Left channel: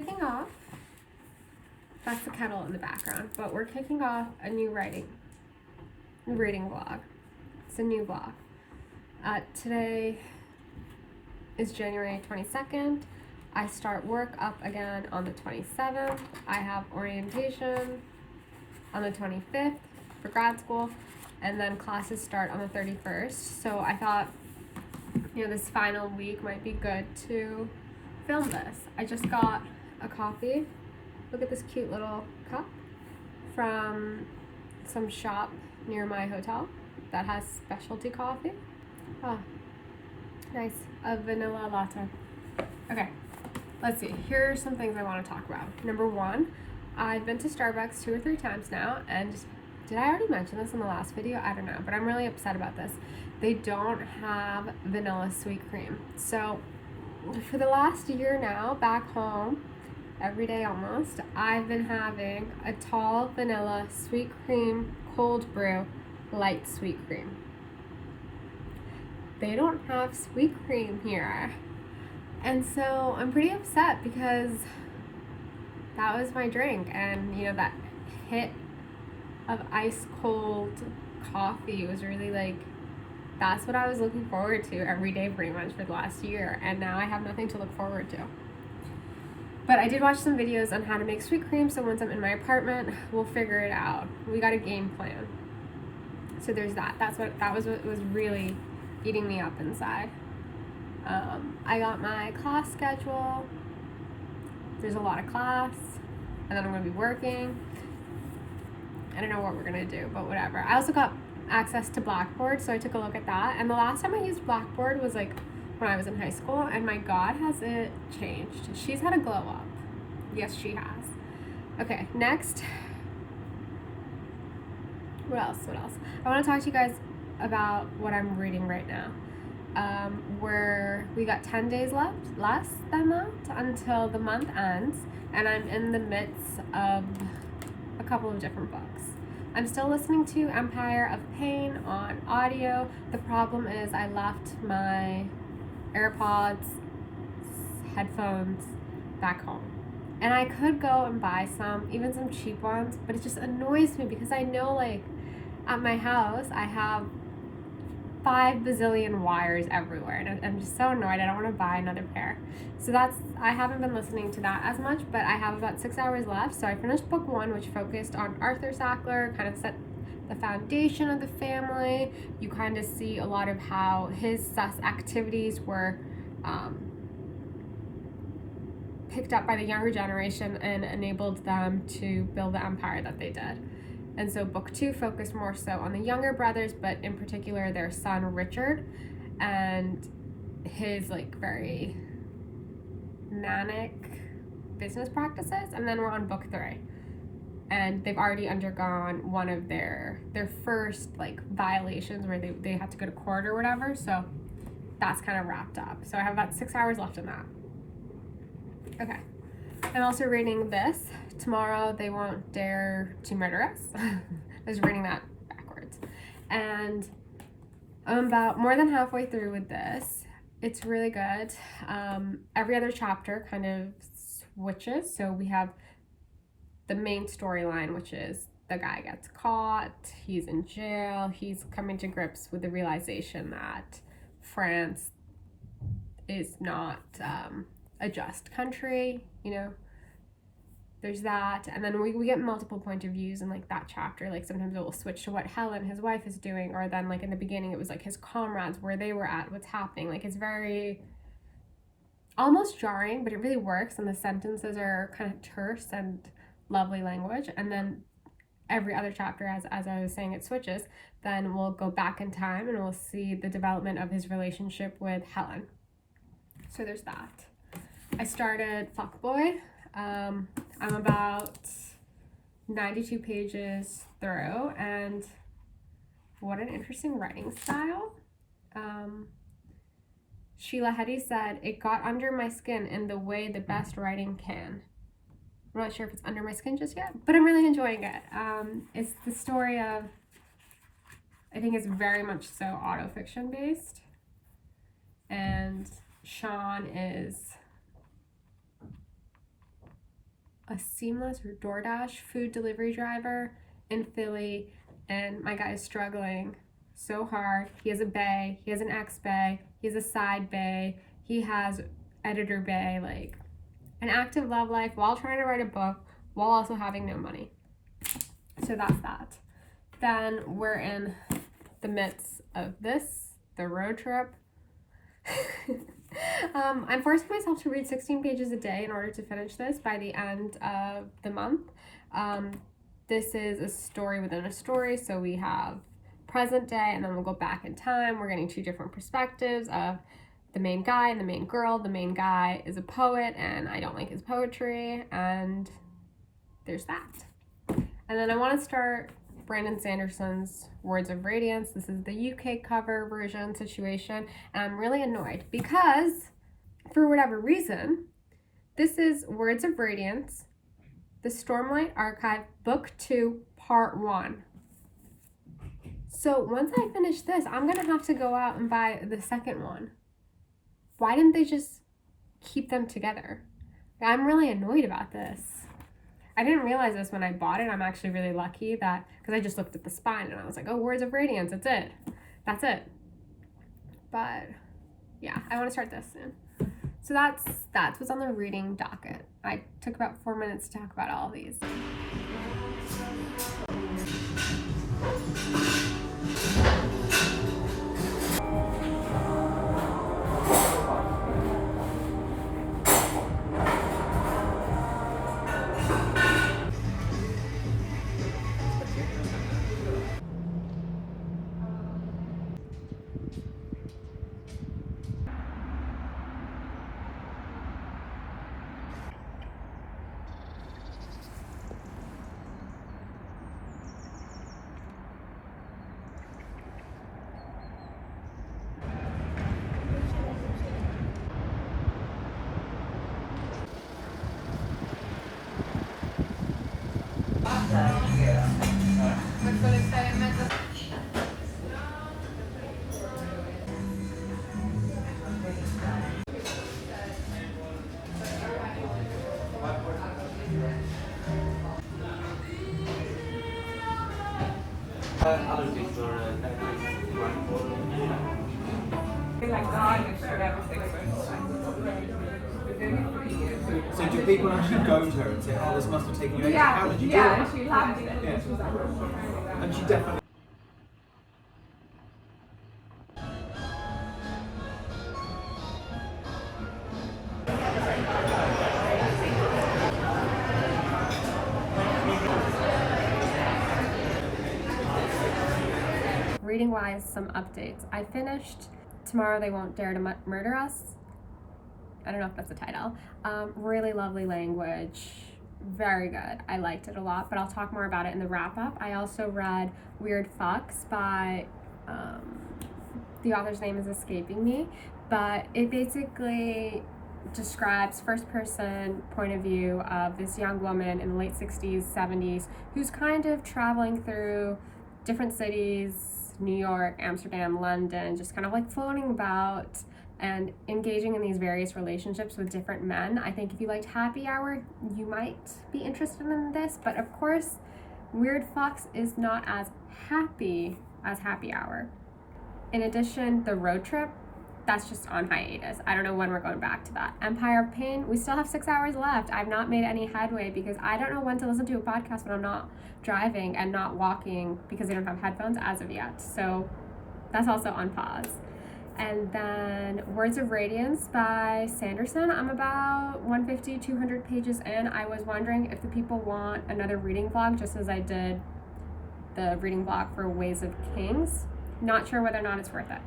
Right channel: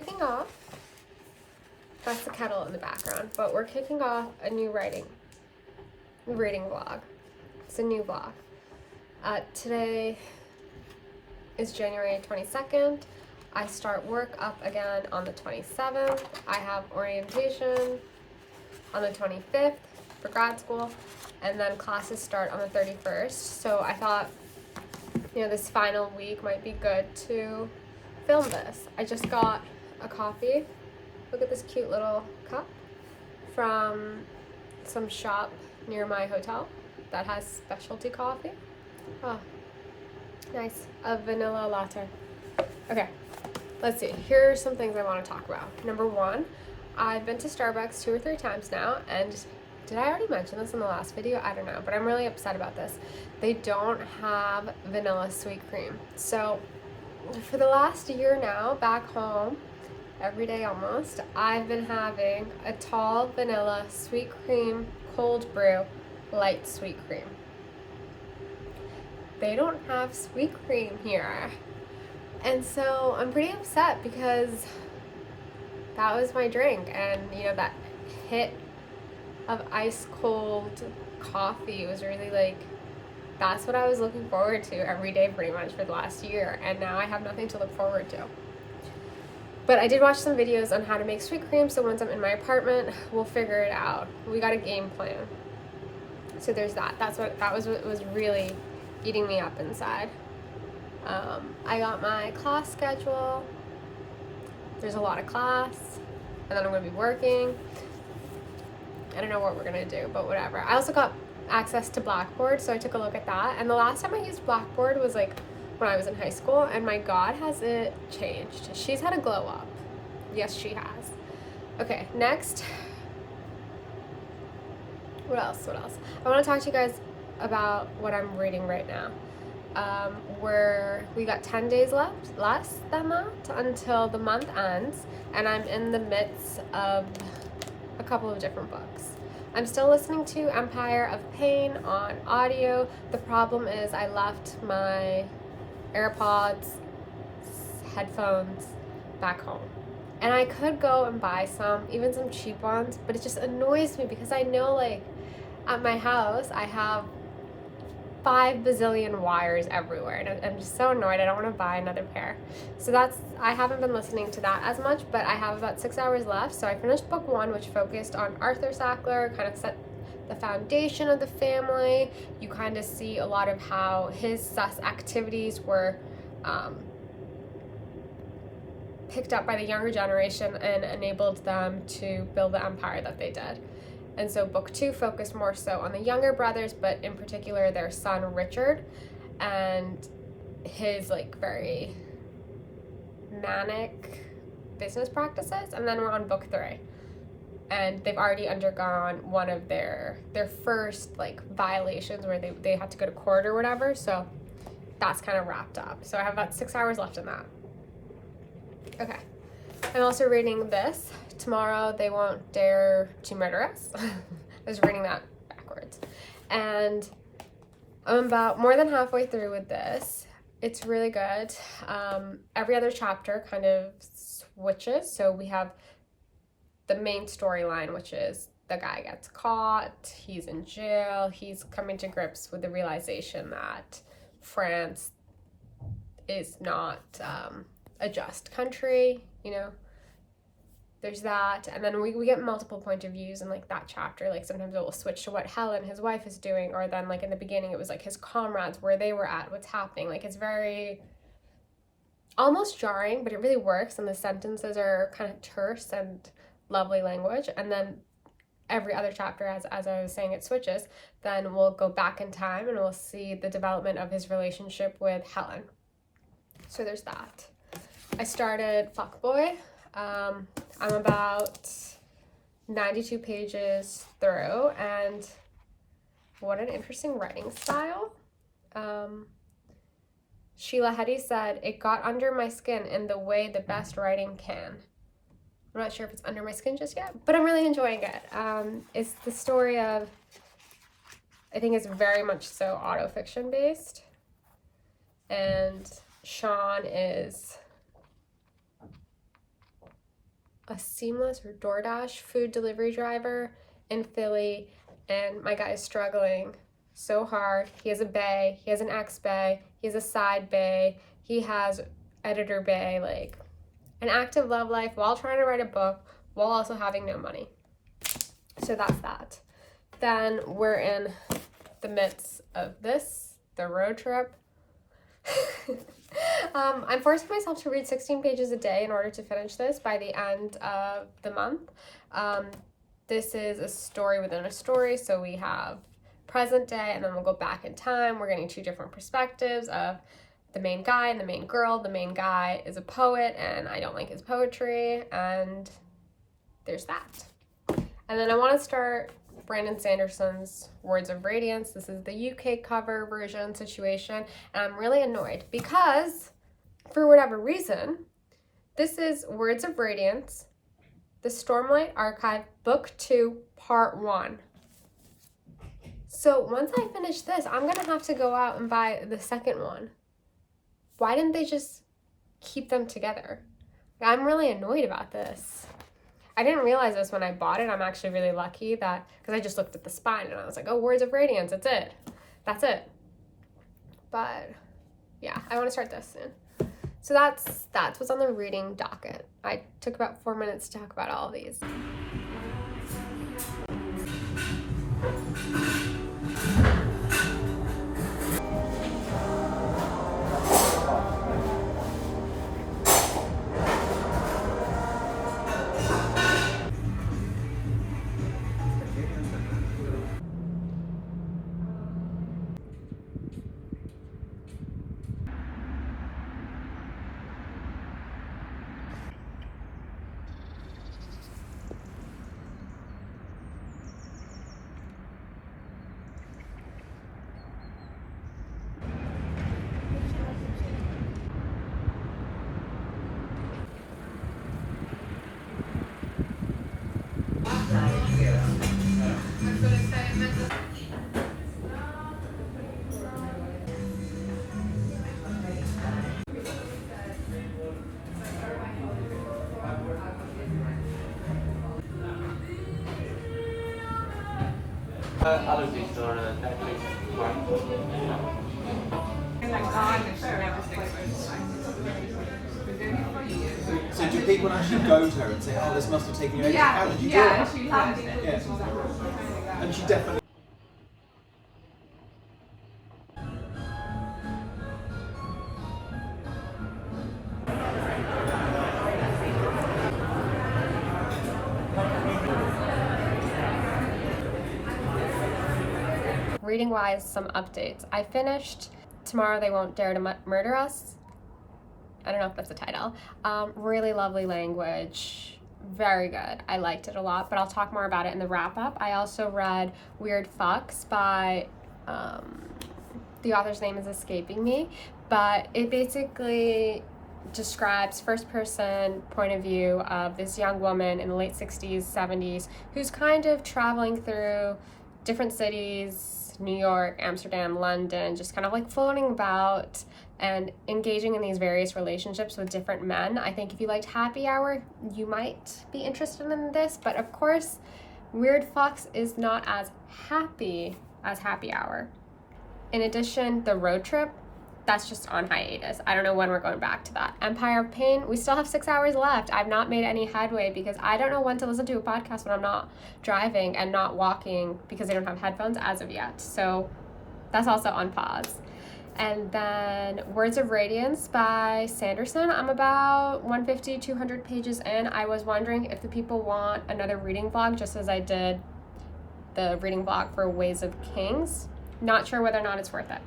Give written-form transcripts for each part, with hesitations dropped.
kicking off, that's the kettle in the background, but we're kicking off a new reading vlog. It's a new vlog. Today is January 22nd. I start work up again on the 27th. I have orientation on the 25th for grad school, and then classes start on the 31st. So I thought, this final week might be good to film this. I just got a coffee. Look at this cute little cup from some shop near my hotel that has specialty coffee. Oh, nice. A vanilla latte. Okay, let's see. Here's some things I want to talk about. Number one, I've been to Starbucks 2 or 3 times now, and did I already mention this in the last video? I don't know, but I'm really upset about this. They don't have vanilla sweet cream. So for the last year now, back home, every day almost, I've been having a tall vanilla sweet cream cold brew light sweet cream. They don't have sweet cream here. And so I'm pretty upset because that was my drink, and that hit of ice cold coffee was really that's what I was looking forward to every day pretty much for the last year, and now I have nothing to look forward to. But I did watch some videos on how to make sweet cream, so once I'm in my apartment, we'll figure it out. We got a game plan. So there's that. That was what was really eating me up inside. I got my class schedule. There's a lot of class, and then I'm going to be working. I don't know what we're going to do, but whatever. I also got access to Blackboard, so I took a look at that. And the last time I used Blackboard was when I was in high school, and my God, has it changed. She's had a glow up. Yes, she has. Okay, next. What else? I want to talk to you guys about what I'm reading right now. We got 10 days less than that until the month ends, and I'm in the midst of a couple of different books. I'm still listening to Empire of Pain on audio. The problem is I left my AirPods, headphones back home. And I could go and buy some, even some cheap ones, but it just annoys me because I know at my house I have 5 bazillion wires everywhere, and I'm just so annoyed. I don't want to buy another pair. So I haven't been listening to that as much, but I have about 6 hours left. So I finished book 1, which focused on Arthur Sackler, kind of set the foundation of the family. You kind of see a lot of how his sus activities were picked up by the younger generation and enabled them to build the empire that they did. And so book 2 focused more so on the younger brothers, but in particular their son Richard and his very manic business practices. And then we're on book 3, and they've already undergone one of their first violations where they had to go to court or whatever. So that's kind of wrapped up. So I have about 6 hours left in that. Okay, I'm also reading this. Tomorrow They Won't Dare to Murder Us. I was reading that backwards. And I'm about more than halfway through with this. It's really good. Every other chapter kind of switches. So we have the main storyline, which is the guy gets caught, he's in jail, he's coming to grips with the realization that France is not a just country, There's that, and then we get multiple point of views in that chapter. Sometimes it will switch to what Helen, his wife, is doing, or then in the beginning it was his comrades, where they were at, what's happening. It's very almost jarring, but it really works, and the sentences are kind of terse and lovely language. And then every other chapter, as I was saying, it switches. Then we'll go back in time and we'll see the development of his relationship with Helen. So there's that. I started Fuckboy. I'm about 92 pages through, and what an interesting writing style. Sheila Heti said, "It got under my skin in the way the best writing can." I'm not sure if it's under my skin just yet, but I'm really enjoying it. It's the story of, I think it's very much so autofiction based, and Sean is a seamless or DoorDash food delivery driver in Philly, and my guy is struggling so hard. He has a bae, he has an ex-bae, he has a side bae, he has editor bae, like an active love life while trying to write a book while also having no money. So that's that. Then we're in the midst of this, the road trip. I'm forcing myself to read 16 pages a day in order to finish this by the end of the month. This is a story within a story, so we have present day and then we'll go back in time. We're getting two different perspectives of the main guy and the main girl. The main guy is a poet and I don't like his poetry, and there's that. And then I want to start Brandon Sanderson's Words of Radiance. This is the UK cover version situation, and I'm really annoyed because, for whatever reason, this is Words of Radiance, the Stormlight Archive, Book 2, Part 1. So once I finish this, I'm gonna have to go out and buy the second one. Why didn't they just keep them together? I'm really annoyed about this. I didn't realize this when I bought it. I'm actually really lucky that, because I just looked at the spine and I was like, oh, Words of Radiance, that's it. That's it. But yeah, I want to start this soon. So that's what's on the reading docket. I took about 4 minutes to talk about all of these. So do people actually go to her and say, oh, this must have taken you ages? How did you do it? She loved it. Yeah. And she definitely... Reading wise, some updates. I finished Tomorrow They Won't Dare to Murder Us. I don't know if that's the title. Really lovely language, very good. I liked it a lot, but I'll talk more about it in the wrap up. I also read Weird Fucks by, the author's name is escaping me, but it basically describes first person point of view of this young woman in the late 60s, 70s, who's kind of traveling through different cities, New York, Amsterdam, London, just kind of like floating about and engaging in these various relationships with different men. I think if you liked Happy Hour, you might be interested in this, but of course, Weird Fox is not as happy as Happy Hour. In addition, The Road Trip, that's just on hiatus. I don't know when we're going back to that. Empire of Pain, we still have 6 hours left. I've not made any headway because I don't know when to listen to a podcast when I'm not driving and not walking because I don't have headphones as of yet. So that's also on pause. And then Words of Radiance by Sanderson. I'm about 150, 200 pages in. I was wondering if the people want another reading vlog, just as I did the reading vlog for Ways of Kings. Not sure whether or not it's worth it.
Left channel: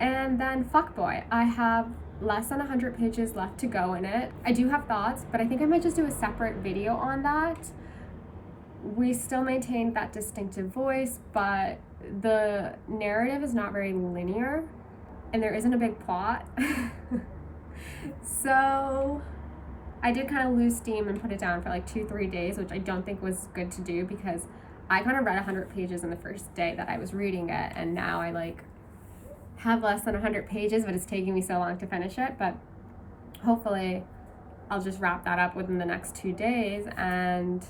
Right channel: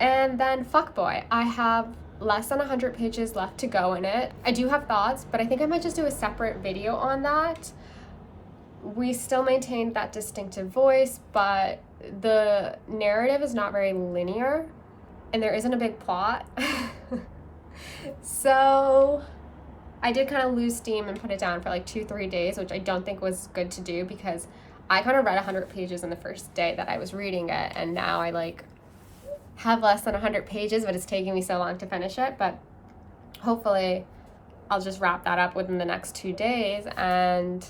And then Fuckboy. I have less than 100 pages left to go in it. I do have thoughts, but I think I might just do a separate video on that. We still maintained that distinctive voice, but the narrative is not very linear. And there isn't a big plot. So I did kind of lose steam and put it down for like 2-3 days, which I don't think was good to do because I kind of read 100 pages in the first day that I was reading it, and now I like have less than 100 pages, but it's taking me so long to finish it. But hopefully I'll just wrap that up within the next 2 days, and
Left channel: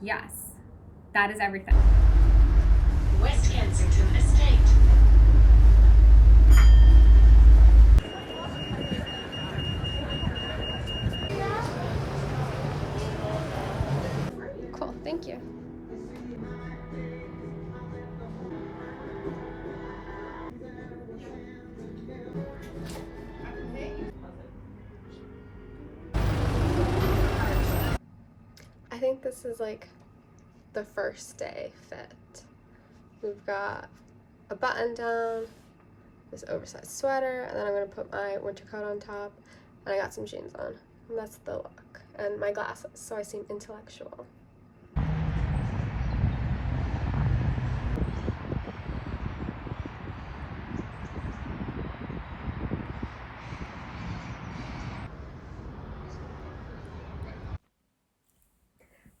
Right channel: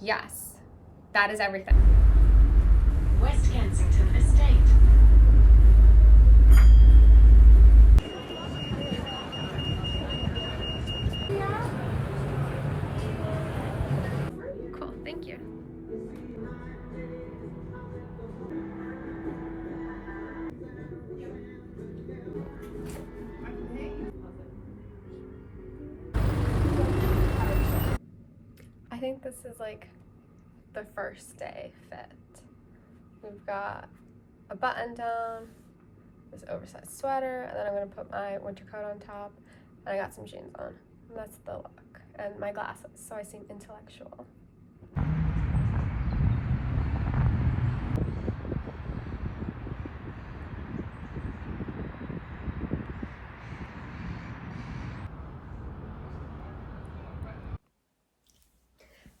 yes, that is everything. West Kensington Estate. Cool, thank you. I think this is like the first day fit. We've got a button down, this oversized sweater, and then I'm gonna put my winter coat on top, and I got some jeans on. And that's the look. And my glasses, so I seem intellectual.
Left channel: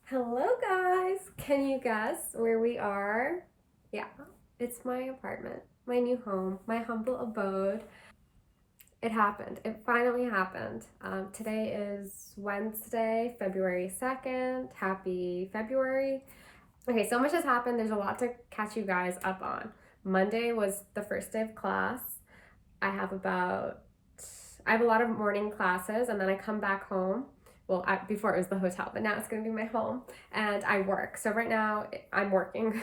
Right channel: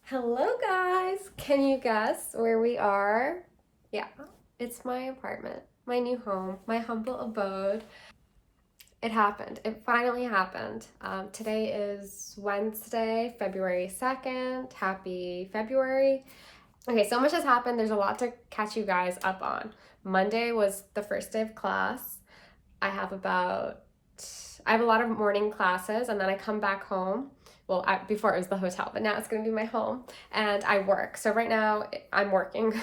Hello guys! Can you guess where we are? Yeah, it's my apartment, my new home, my humble abode. It happened. It finally happened. Today is Wednesday, February 2nd. Happy February. Okay, so much has happened. There's a lot to catch you guys up on. Monday was the first day of class. I have a lot of morning classes, and then I come back home. Well, before it was the hotel, but now it's going to be my home, and I work. So right now I'm working,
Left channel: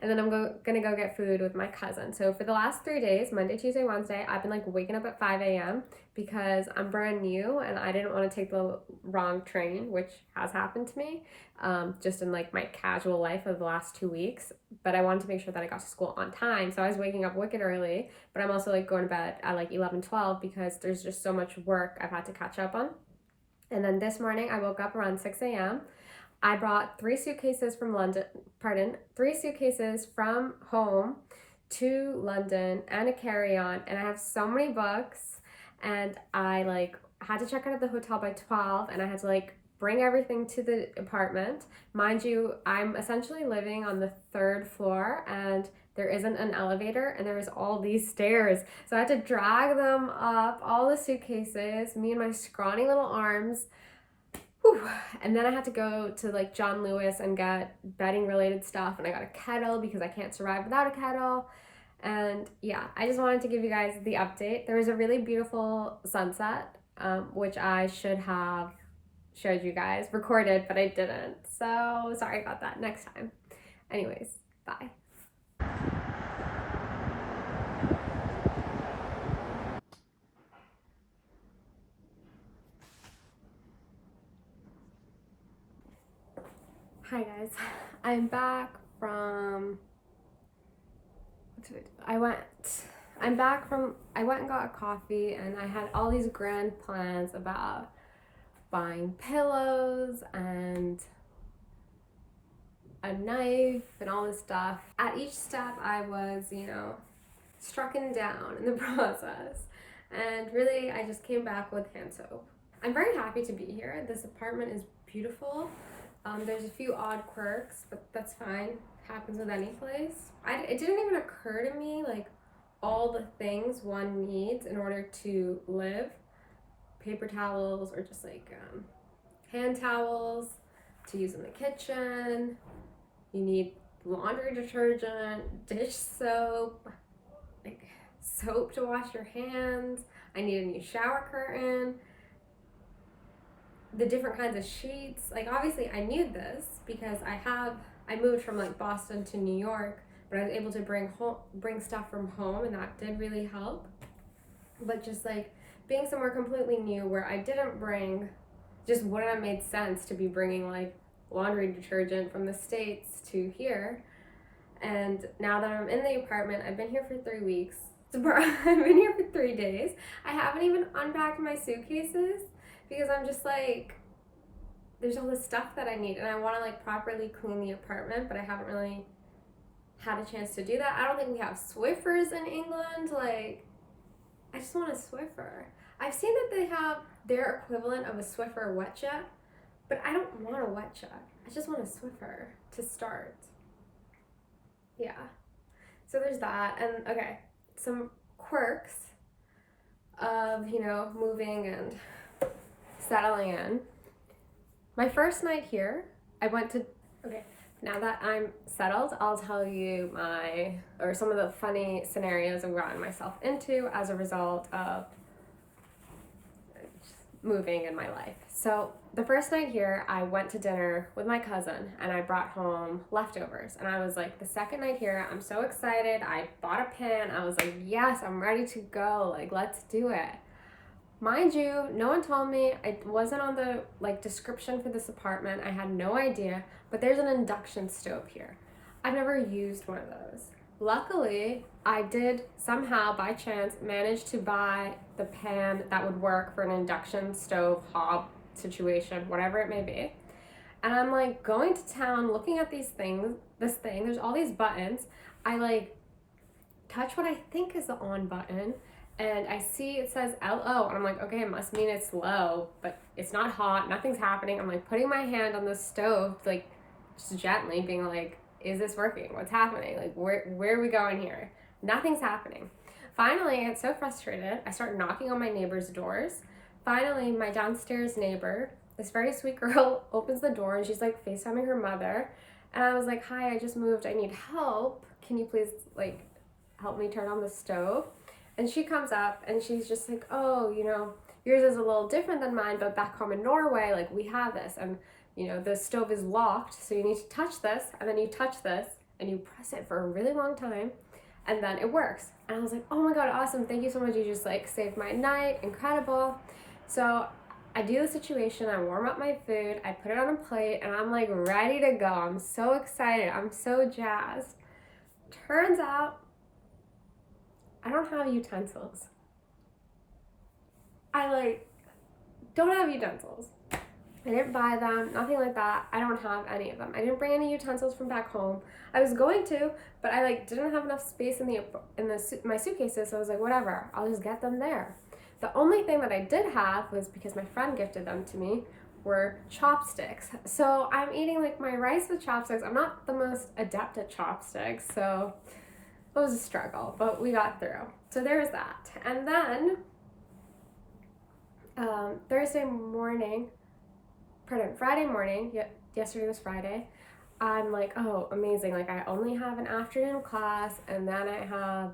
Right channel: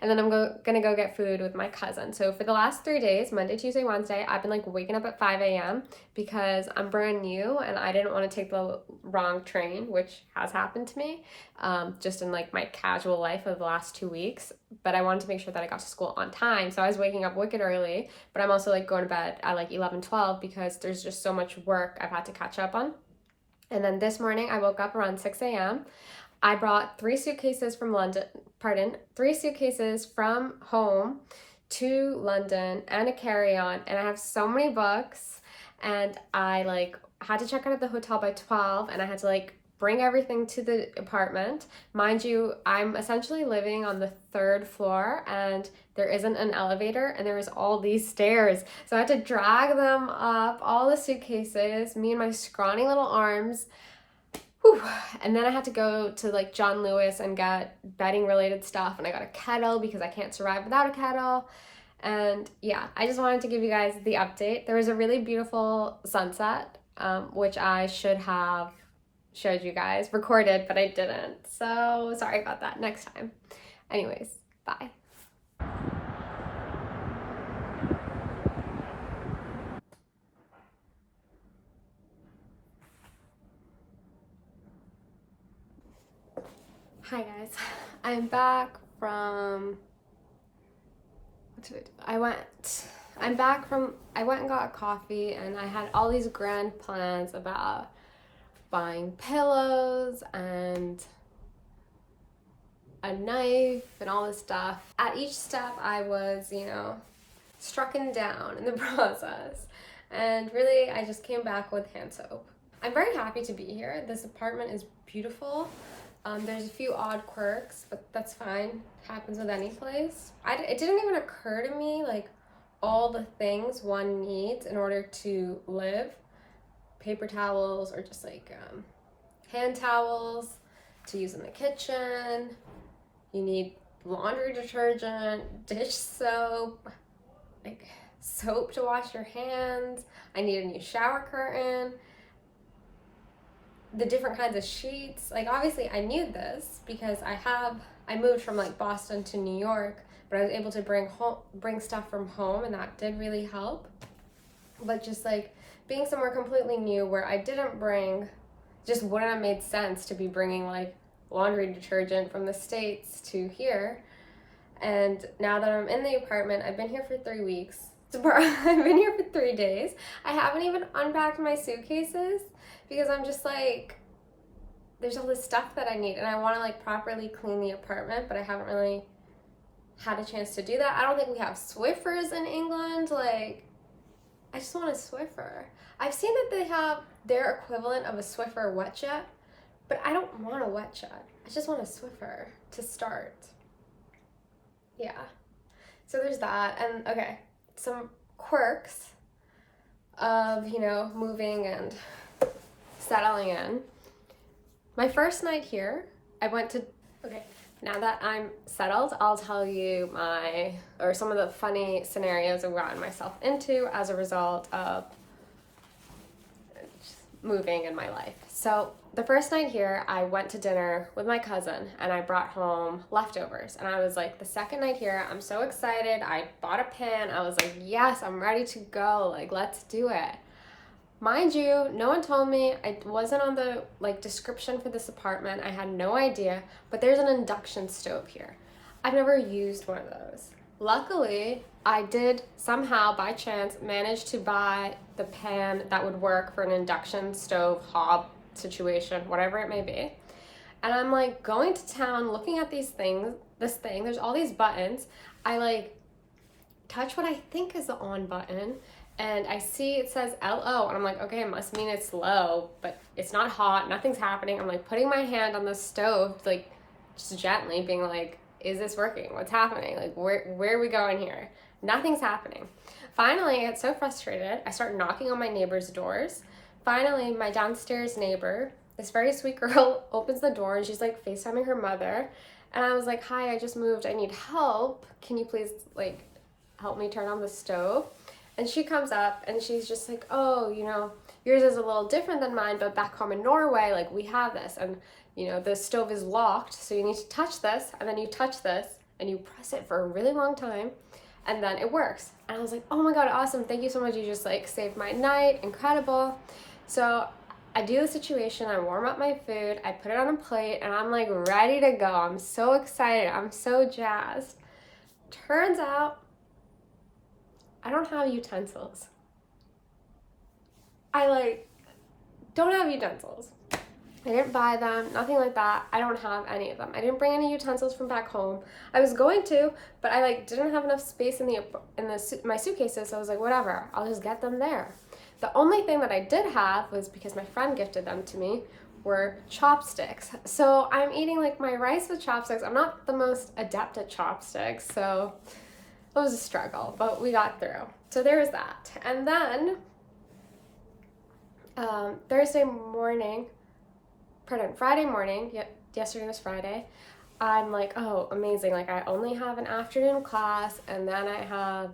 and then I'm going to go get food with my cousin. So for the last 3 days, Monday, Tuesday, Wednesday, I've been like waking up at 5 a.m. because I'm brand new and I didn't want to take the wrong train, which has happened to me just in like my casual life of the last 2 weeks. But I wanted to make sure that I got to school on time. So I was waking up wicked early, but I'm also like going to bed at like 11, 12 because there's just so much work I've had to catch up on. And then this morning I woke up around 6 a.m. I brought 3 suitcases from home to London and a carry-on, and I have so many books, and I like had to check out of the hotel by 12, and I had to like bring everything to the apartment. Mind you, I'm essentially living on the 3rd floor, and there isn't an elevator, and there was all these stairs. So I had to drag them up, all the suitcases, me and my scrawny little arms. Whew. And then I had to go to like John Lewis and get bedding related stuff, and I got a kettle because I can't survive without a kettle. And yeah, I just wanted to give you guys the update. There was a really beautiful sunset, which I should have showed you guys, recorded, but I didn't. So sorry about that. Next time. Anyways, bye. Hi guys, I'm back from, what did I do? I went and got a coffee, and I had all these grand plans about buying pillows and a knife and all this stuff. At each step I was, strucken down in the process, and really I just came back with hand soap. I'm very happy to be here. This apartment is beautiful. There's a few odd quirks, but that's fine. Happens with any place. It didn't even occur to me like all the things one needs in order to live. Paper towels, or just like hand towels to use in the kitchen. You need laundry detergent, dish soap, like soap to wash your hands. I need a new shower curtain. The different kinds of sheets. Like obviously I knew this because I moved from like Boston to New York, but I was able to bring stuff from home, and that did really help. But just like being somewhere completely new where I didn't bring, just wouldn't have made sense to be bringing like laundry detergent from the States to here. And now that I'm in the apartment, I've been here for 3 weeks. I've been here for 3 days. I haven't even unpacked my suitcases because I'm just like, there's all this stuff that I need, and I want to like properly clean the apartment, but I haven't really had a chance to do that. I don't think we have Swiffers in England. Like, I just want a Swiffer. I've seen that they have their equivalent of a Swiffer wet jet, but I don't want a wet jet. I just want a Swiffer to start. Yeah. So there's that. And okay, some quirks of, moving and settling in. My first night here, I went to, okay, now that I'm settled, I'll tell you some of the funny scenarios I've gotten myself into as a result of moving in my life. So the first night here, I went to dinner with my cousin and I brought home leftovers. And I was like, the second night here, I'm so excited. I bought a pan. I was like, yes, I'm ready to go. Like, let's do it. Mind you, no one told me. I wasn't on the description for this apartment. I had no idea, but there's an induction stove here. I've never used one of those. Luckily, I did somehow, by chance, manage to buy the pan that would work for an induction stove hob situation, whatever it may be. And I'm like going to town looking at this thing, there's all these buttons. I touch what I think is the on button and I see it says LO and I'm like, okay, it must mean it's low, but it's not hot, nothing's happening. I'm like putting my hand on the stove, just gently being like, is this working? What's happening? Like, where are we going here? Nothing's happening. Finally, I get so frustrated, I start knocking on my neighbor's doors. Finally, my downstairs neighbor, this very sweet girl, opens the door and she's like FaceTiming her mother. And I was like, hi, I just moved, I need help. Can you please help me turn on the stove? And she comes up and she's just like, oh, yours is a little different than mine, but back home in Norway, we have this. And, the stove is locked, so you need to touch this, and then you touch this, and you press it for a really long time, and then it works. And I was like, oh my God, awesome. Thank you so much. You just saved my night. Incredible. So I do the situation, I warm up my food, I put it on a plate, and I'm ready to go. I'm so excited. I'm so jazzed. Turns out, I don't have utensils. I don't have utensils. I didn't buy them, nothing like that. I don't have any of them. I didn't bring any utensils from back home. I was going to, but I didn't have enough space in my suitcases, so I was like, whatever, I'll just get them there. The only thing that I did have was, because my friend gifted them to me, were chopsticks. So I'm eating my rice with chopsticks. I'm not the most adept at chopsticks, so it was a struggle, but we got through. So there's that. And then Friday morning, yesterday was Friday, I'm like, oh, amazing, I only have an afternoon class and then I have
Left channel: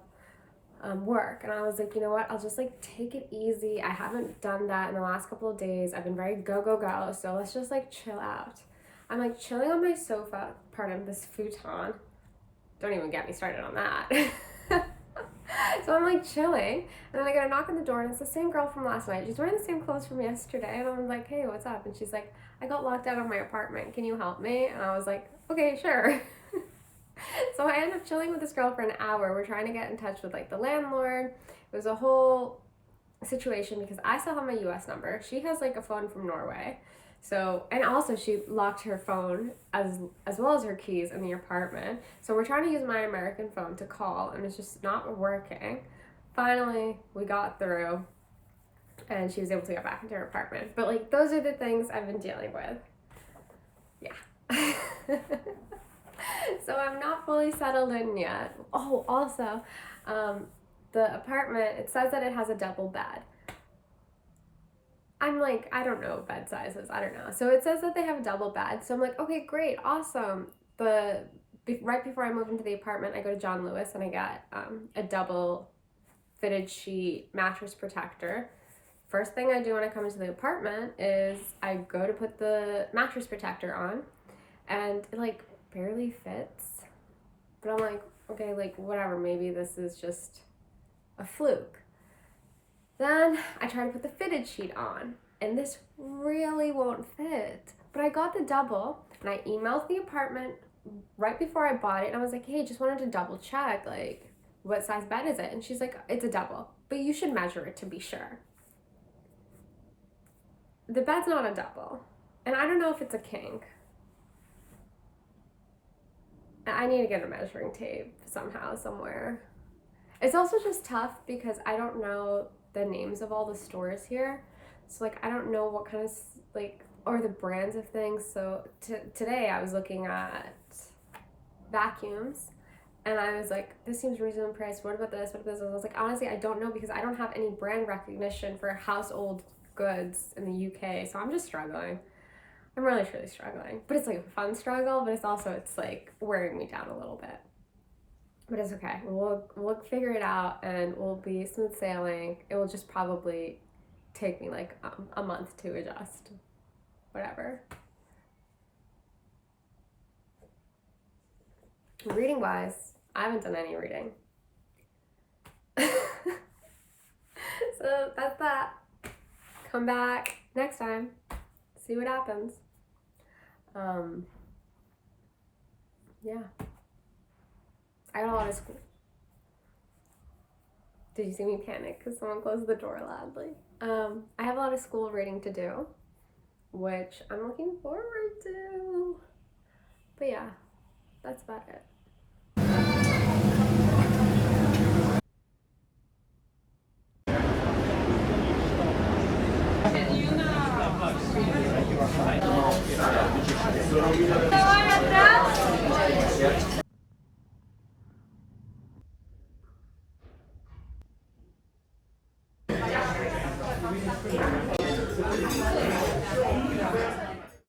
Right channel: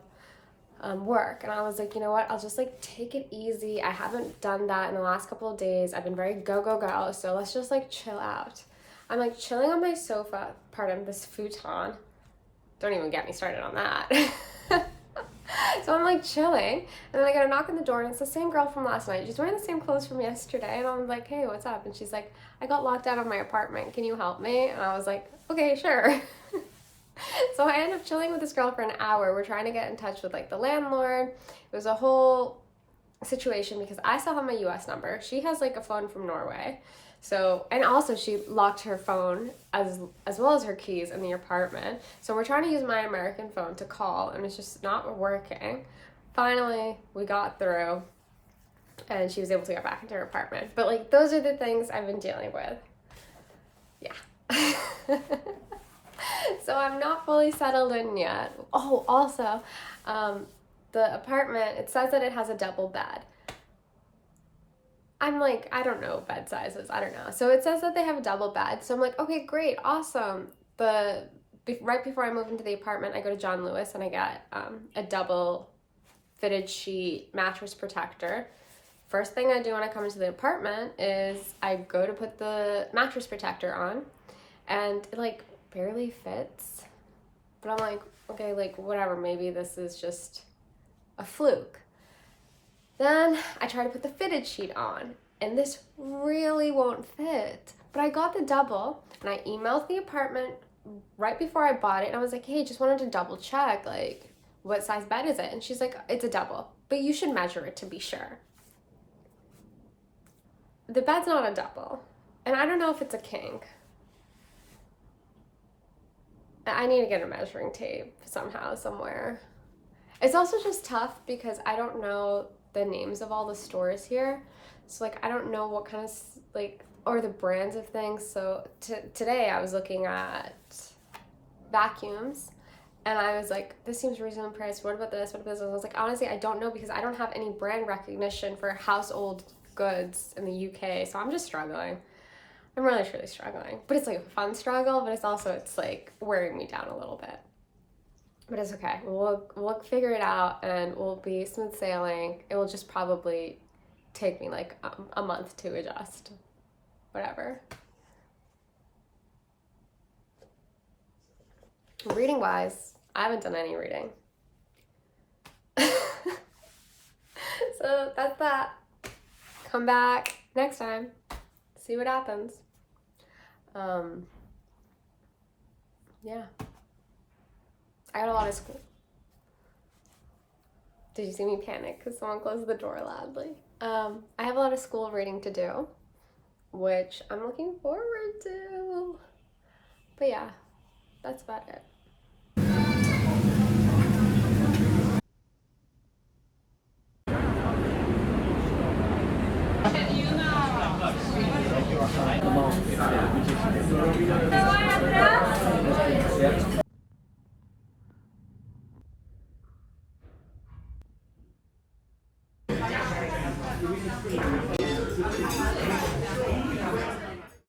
work. And I was like, you know what, I'll just take it easy. I haven't done that in the last couple of days. I've been very go, so let's just chill out. I'm chilling on my sofa, this futon. Don't even get me started on that. So I'm chilling, and then I get a knock on the door, and it's the same girl from last night. She's wearing the same clothes from yesterday, and I'm like, hey, what's up? And she's like, I got locked out of my apartment. Can you help me? And I was like, okay, sure. So I end up chilling with this girl for an hour. We're trying to get in touch with the landlord. It was a whole situation because I still have my US number. She has a phone from Norway. So, and also she locked her phone as well as her keys in the apartment. So we're trying to use my American phone to call and it's just not working. Finally, we got through and she was able to get back into her apartment. But those are the things I've been dealing with. Yeah. So I'm not fully settled in yet. Oh, also, the apartment, it says that it has a double bed. I'm I don't know bed sizes, I don't know. So it says that they have a double bed. So I'm like, okay, great, awesome. Right before I move into the apartment, I go to John Lewis and I get a double fitted sheet mattress protector. First thing I do when I come into the apartment is I go to put the mattress protector on and it barely fits. But I'm like, okay, whatever, maybe this is just a fluke. Then I try to put the fitted sheet on, and this really won't fit. But I got the double, and I emailed the apartment right before I bought it, and I was like, hey, just wanted to double check, what size bed is it? And she's like, it's a double, but you should measure it to be sure. The bed's not a double, and I don't know if it's a king. I need to get a measuring tape somehow, somewhere. It's also just tough because I don't know the names of all the stores here. So I don't know what kind of or the brands of things. So today I was looking at vacuums and I was like, this seems reasonably priced. What about this? What about this? And I was like, honestly, I don't know because I don't have any brand recognition for household goods in the UK, so I'm just struggling. I'm really truly struggling, but it's like a fun struggle, but it's like wearing me down a little bit. But it's okay. We'll figure it out, and we'll be smooth sailing. It will just probably take me like a month to adjust. Whatever. Reading wise, I haven't done any reading. So that's that. Come back next time. See what happens. Yeah. I got a lot of school. Did you see me panic because someone closed the door loudly? I have a lot of school reading to do, which I'm looking forward to. But yeah, that's about it.